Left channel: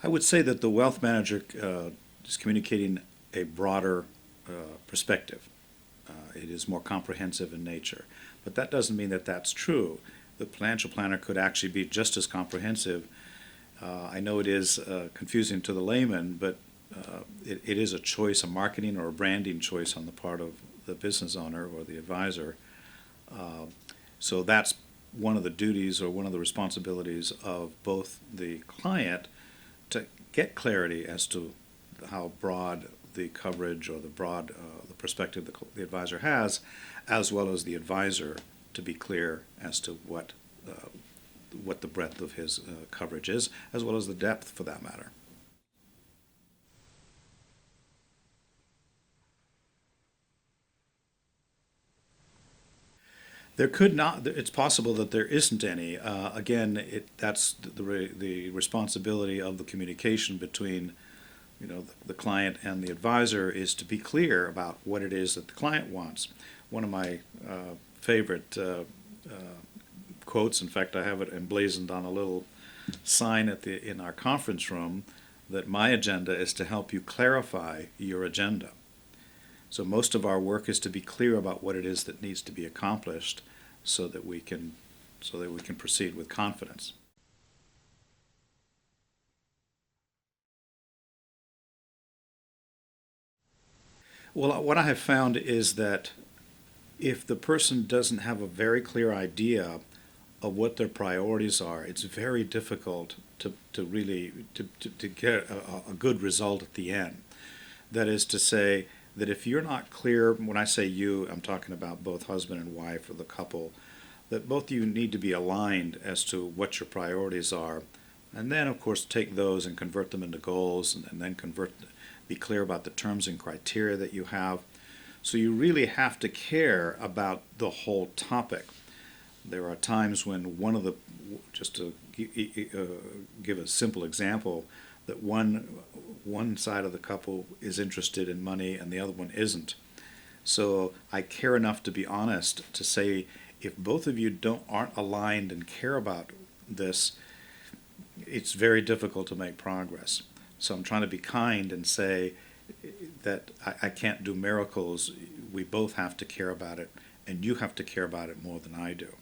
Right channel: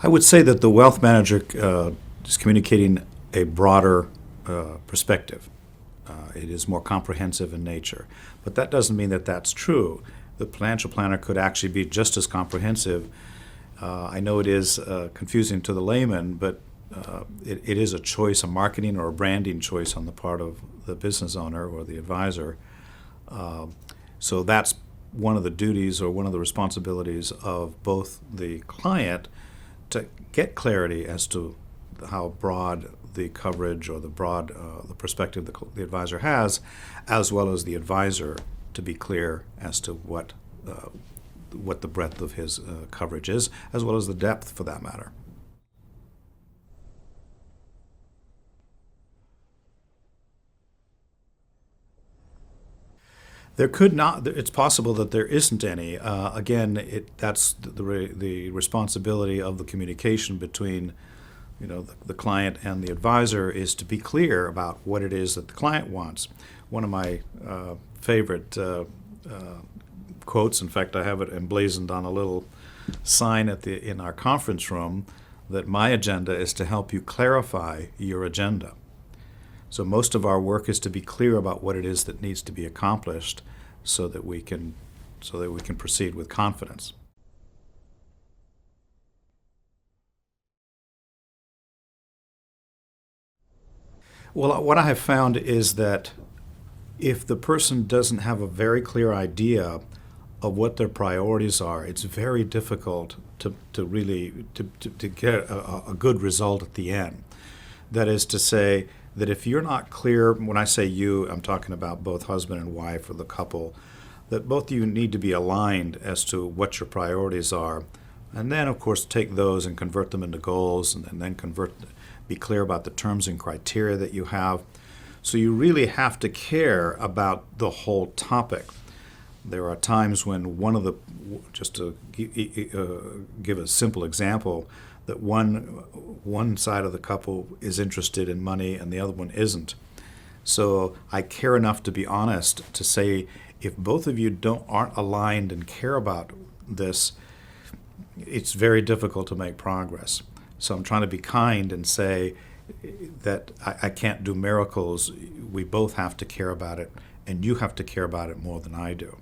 I would say that the wealth manager is communicating a broader perspective. It is more comprehensive in nature. But that doesn't mean that that's true. The financial planner could actually be just as comprehensive. I know it is confusing to the layman, but it is a choice, a marketing or a branding choice on the part of the business owner or the advisor. So that's one of the duties or one of the responsibilities of both the client to get clarity as to how broad the coverage or the broad the perspective the advisor has, as well as the advisor to be clear as to what the breadth of his coverage is, as well as the depth for that matter. There could not. It's possible that there isn't any. Again, that's the responsibility of the communication between, the client and the advisor is to be clear about what it is that the client wants. One of my favorite quotes, in fact, I have it emblazoned on a little sign in our conference room, that my agenda is to help you clarify your agenda. So most of our work is to be clear about what it is that needs to be accomplished, so that we can proceed with confidence. Well, what I have found is that if the person doesn't have a very clear idea of what their priorities are, it's very difficult to really to get a good result at the end. That is to say that if you're not clear, when I say you, I'm talking about both husband and wife or the couple, that both of you need to be aligned as to what your priorities are. And then, of course, take those and convert them into goals, and then be clear about the terms and criteria that you have. So you really have to care about the whole topic. There are times when just to give a simple example, that one side of the couple is interested in money and the other one isn't. So I care enough to be honest to say, if both of you aren't aligned and care about this, it's very difficult to make progress. So I'm trying to be kind and say that I can't do miracles. We both have to care about it, and you have to care about it more than I do.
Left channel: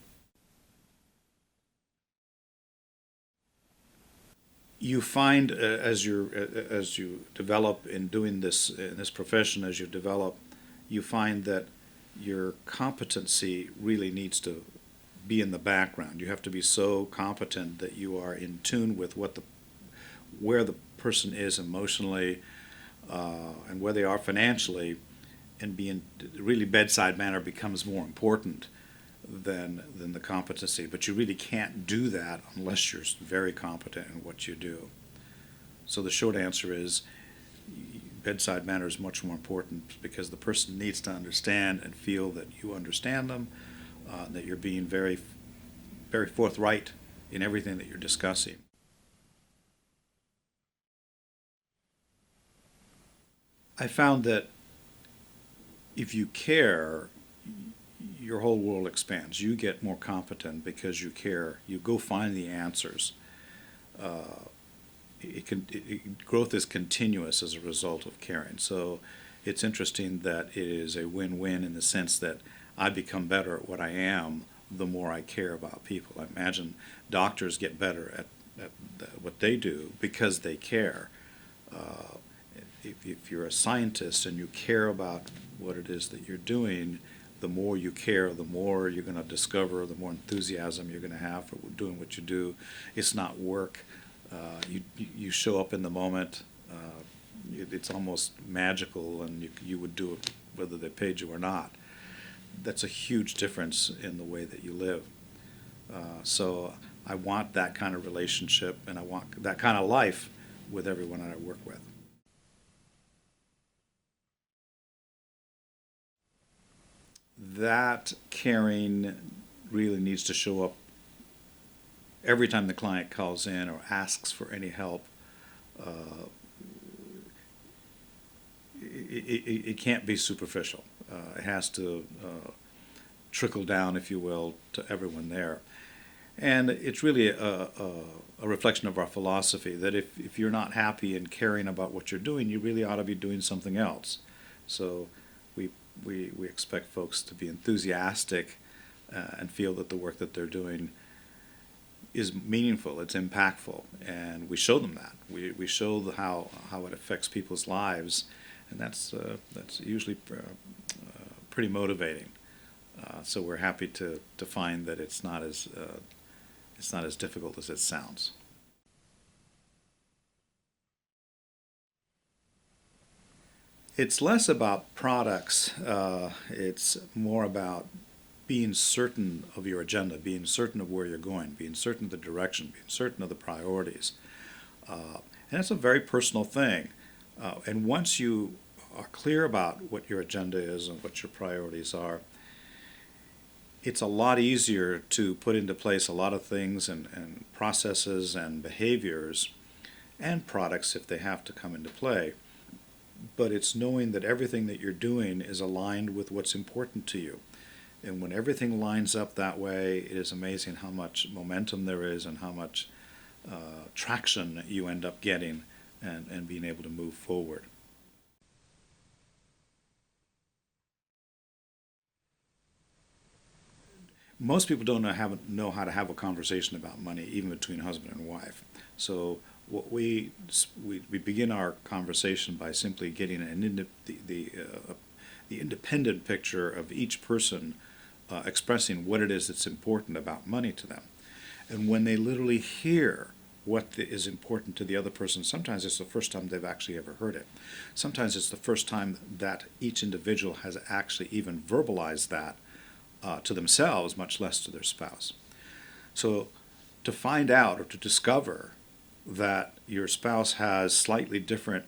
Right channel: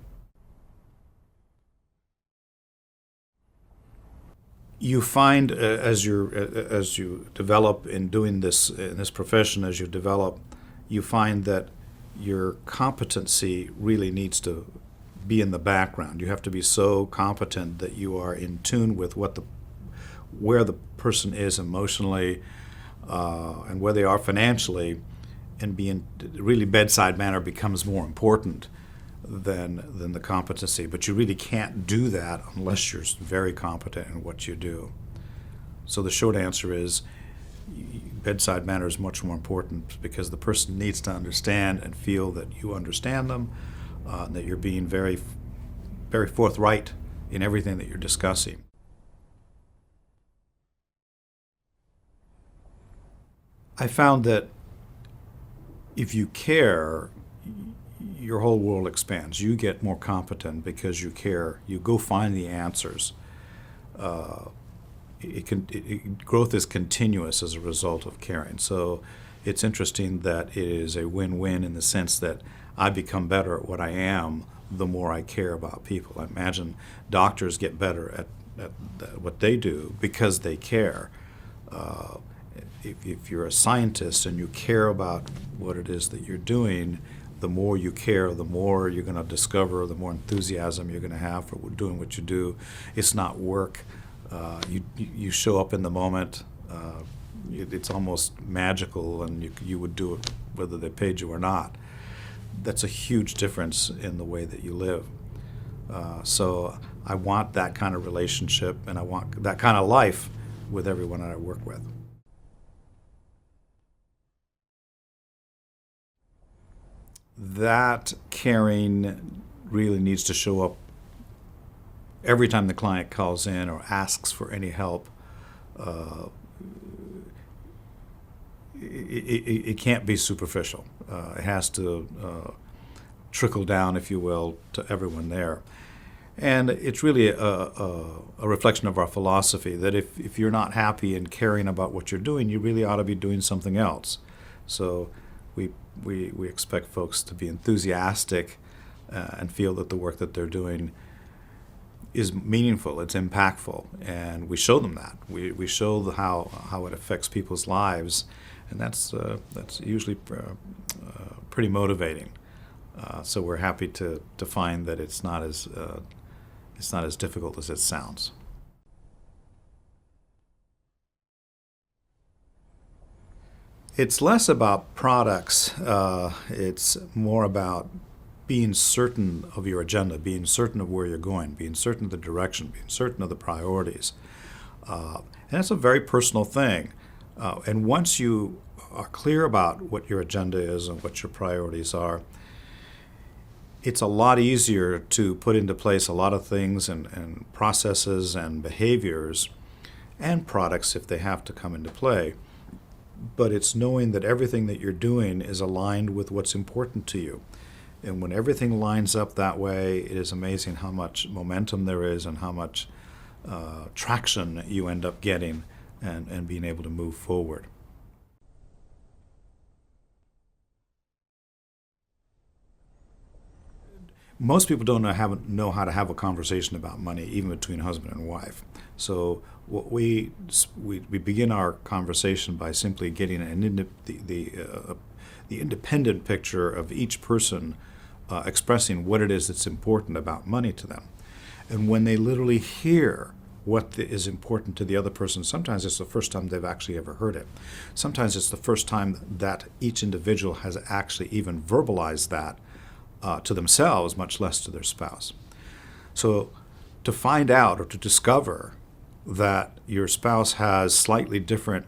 You find as you develop in doing this in this profession, as you develop, you find that your competency really needs to be in the background. You have to be so competent that you are in tune with where the person is emotionally and where they are financially, and really bedside manner becomes more important than the competency. But you really can't do that unless you're very competent in what you do. So the short answer is, bedside manner is much more important, because the person needs to understand and feel that you understand them, that you're being very, very forthright in everything that you're discussing. I found that if you care, your whole world expands. You get more competent because you care. You go find the answers. Growth is continuous as a result of caring. So it's interesting that it is a win-win in the sense that I become better at what I am the more I care about people. I imagine doctors get better at what they do because they care. If you're a scientist and you care about what it is that you're doing, the more you care, the more you're going to discover, the more enthusiasm you're going to have for doing what you do. It's not work. You show up in the moment. It's almost magical, and you would do it whether they paid you or not. That's a huge difference in the way that you live. So I want that kind of relationship, and I want that kind of life with everyone that I work with. That caring really needs to show up every time the client calls in or asks for any help. It can't be superficial. It has to trickle down, if you will, to everyone there. And it's really a reflection of our philosophy, that if you're not happy and caring about what you're doing, you really ought to be doing something else. So we, we expect folks to be enthusiastic and feel that the work that they're doing is meaningful, it's impactful, and we show them that. We show how it affects people's lives, and that's usually pretty motivating. So we're happy to find that it's not as difficult as it sounds. It's less about products. It's more about being certain of your agenda, being certain of where you're going, being certain of the direction, being certain of the priorities. And it's a very personal thing. And once you are clear about what your agenda is and what your priorities are, it's a lot easier to put into place a lot of things and processes and behaviors and products if they have to come into play. But it's knowing that everything that you're doing is aligned with what's important to you. And when everything lines up that way, it is amazing how much momentum there is and how much traction you end up getting and being able to move forward. Most people don't know how to have a conversation about money, even between husband and wife. So what we begin our conversation by simply getting the independent picture of each person expressing what it is that's important about money to them. And when they literally hear what is important to the other person, sometimes it's the first time they've actually ever heard it. Sometimes it's the first time that each individual has actually even verbalized that to themselves, much less to their spouse. So to find out or to discover that your spouse has slightly different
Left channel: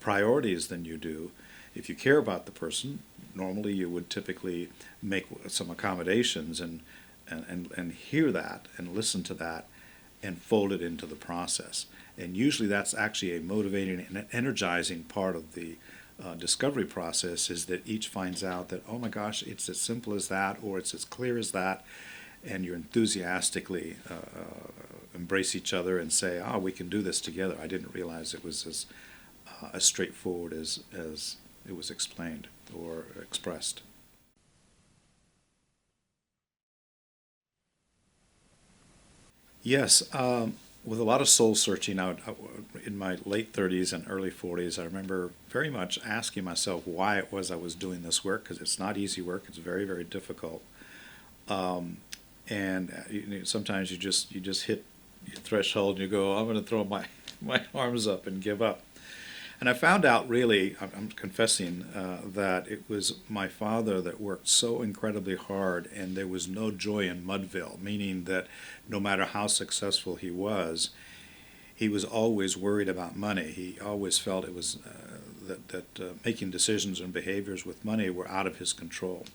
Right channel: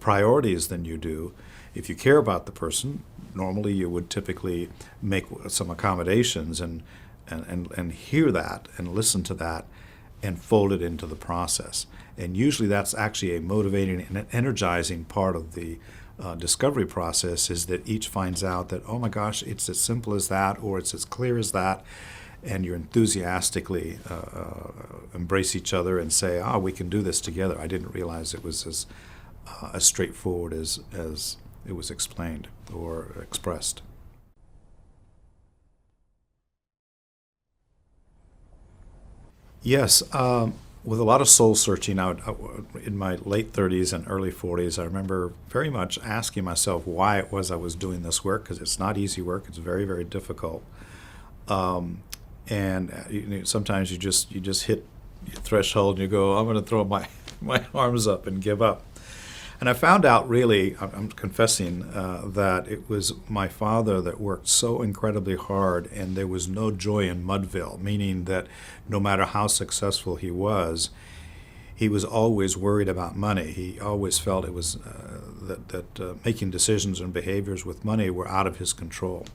priorities than you do, if you care about the person, normally you would typically make some accommodations and hear that and listen to that and fold it into the process. And usually that's actually a motivating and energizing part of the discovery process, is that each finds out that, oh my gosh, it's as simple as that, or it's as clear as that, and you enthusiastically embrace each other and say, we can do this together. I didn't realize it was as straightforward as it was explained or expressed. Yes, with a lot of soul searching out in my late 30s and early 40s, I remember very much asking myself why it was I was doing this work, because it's not easy work. It's very, very difficult. And sometimes you just hit your threshold and you go, I'm going to throw my arms up and give up. And I found out, really, I'm confessing, that it was my father that worked so incredibly hard, and there was no joy in Mudville, meaning that no matter how successful he was always worried about money. He always felt it was that making decisions and behaviors with money were out of his control.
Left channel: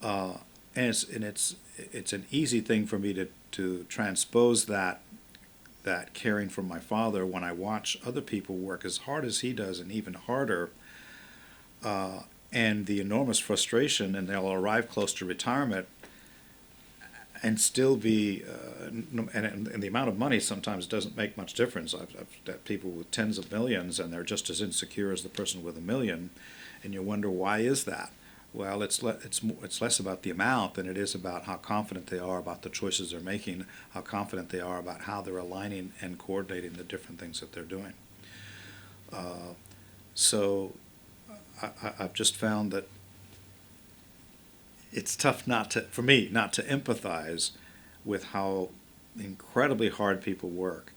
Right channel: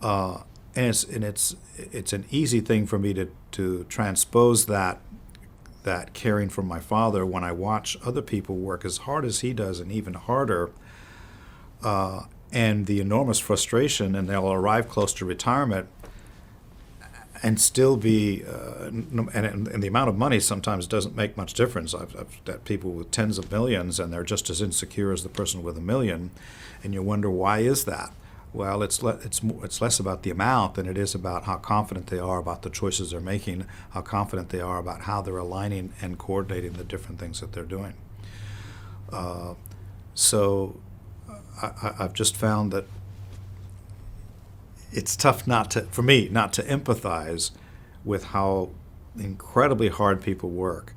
And it's an easy thing for me to transpose that caring for my father when I watch other people work as hard as he does and even harder, and the enormous frustration, and they'll arrive close to retirement and still be, and the amount of money sometimes doesn't make much difference. I've got people with tens of millions and they're just as insecure as the person with $1 million, and you wonder, why is that? Well, it's less about the amount than it is about how confident they are about the choices they're making, how confident they are about how they're aligning and coordinating the different things that they're doing. So I've just found that it's tough for me not to empathize with how incredibly hard people work,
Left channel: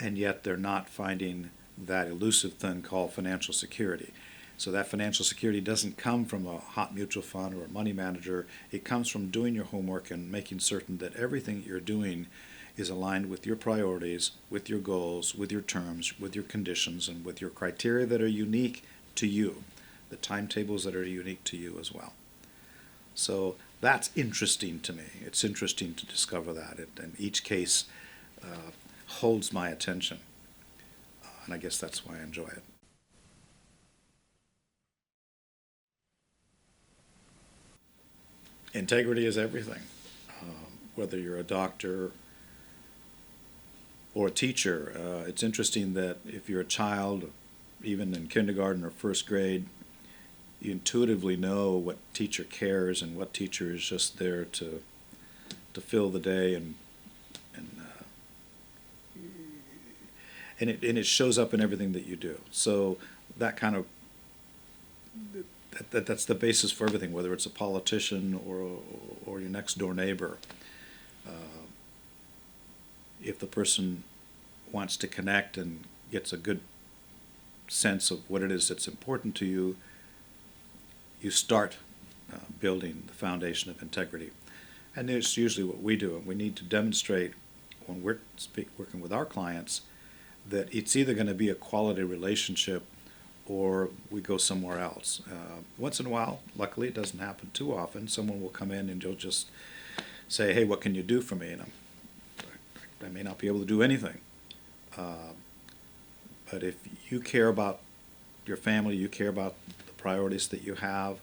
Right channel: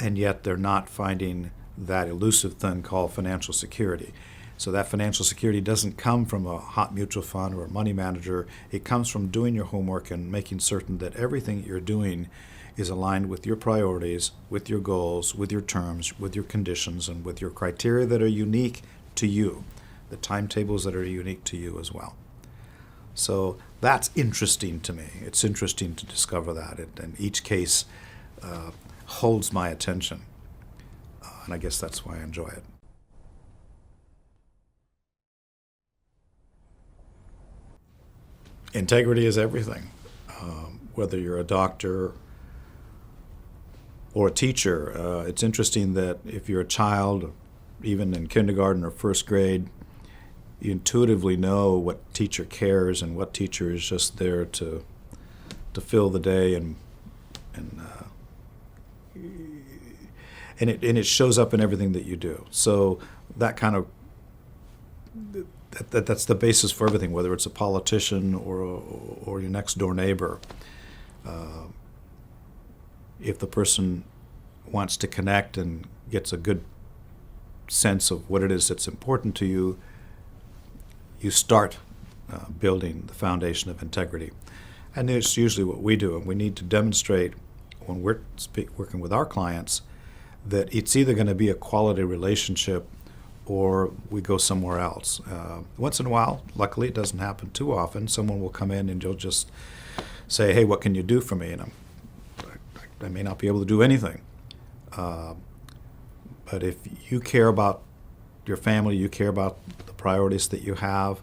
and yet they're not finding that elusive thing called financial security. So that financial security doesn't come from a hot mutual fund or a money manager. It comes from doing your homework and making certain that everything you're doing is aligned with your priorities, with your goals, with your terms, with your conditions, and with your criteria that are unique to you, the timetables that are unique to you as well. So that's interesting to me. It's interesting to discover that, and each case holds my attention, and I guess that's why I enjoy it. Integrity is everything. Whether you're a doctor or a teacher. It's interesting that if you're a child, even in kindergarten or first grade, you intuitively know what teacher cares and what teacher is just there to fill the day, and it shows up in everything that you do. So that kind of that's the basis for everything, whether it's a politician or your next door neighbor. If the person wants to connect and gets a good sense of what it is that's important to you, you start building the foundation of integrity. And it's usually what we do, and we need to demonstrate when we're working with our clients that it's either going to be a quality relationship or we go somewhere else. Once in a while, luckily it doesn't happen too often, someone will come in and you'll just say, hey, what can you do for me? And I may not be able to do anything. But if you care about your family, you care about the priorities that you have,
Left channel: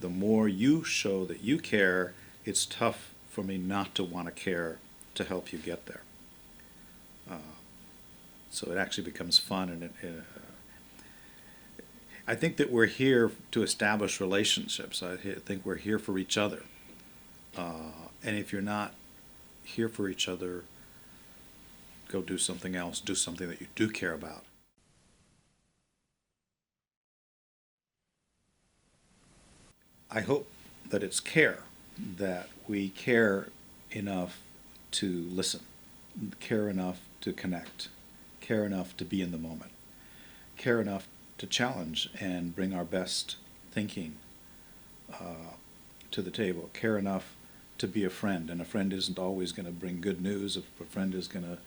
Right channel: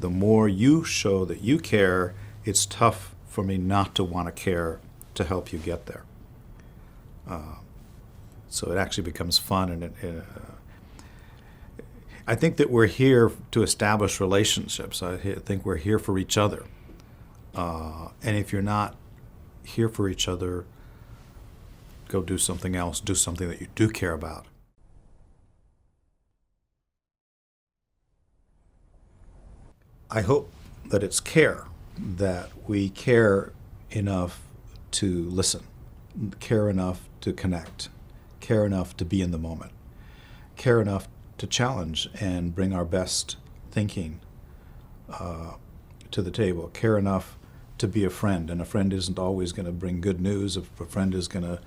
the more you show that you care, it's tough for me not to want to care to help you get there. So it actually becomes fun, and I think that we're here to establish relationships. I think we're here for each other. And if you're not here for each other, go do something else. Do something that you do care about. I hope that it's care, that we care enough to listen, care enough to connect, care enough to be in the moment, care enough to challenge and bring our best thinking to the table, care enough to be a friend. And a friend isn't always going to bring good news. A friend is going to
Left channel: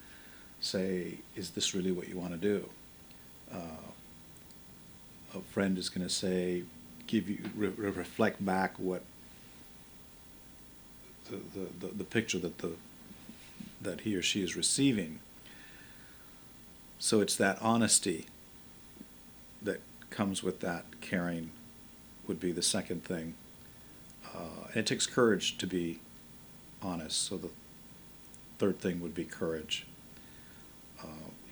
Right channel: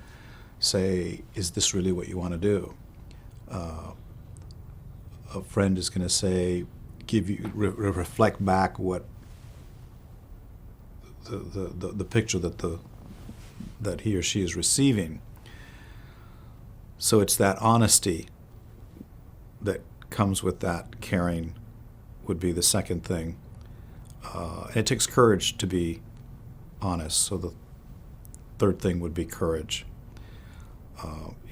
say, is this really what you want to do? A friend is going to say, give you reflect back what the picture that he or she is receiving. So it's that honesty that comes with that caring would be the second thing. And it takes courage to be honest. So the third thing would be courage.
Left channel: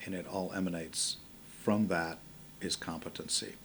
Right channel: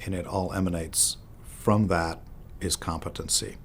And it all emanates from that is competency.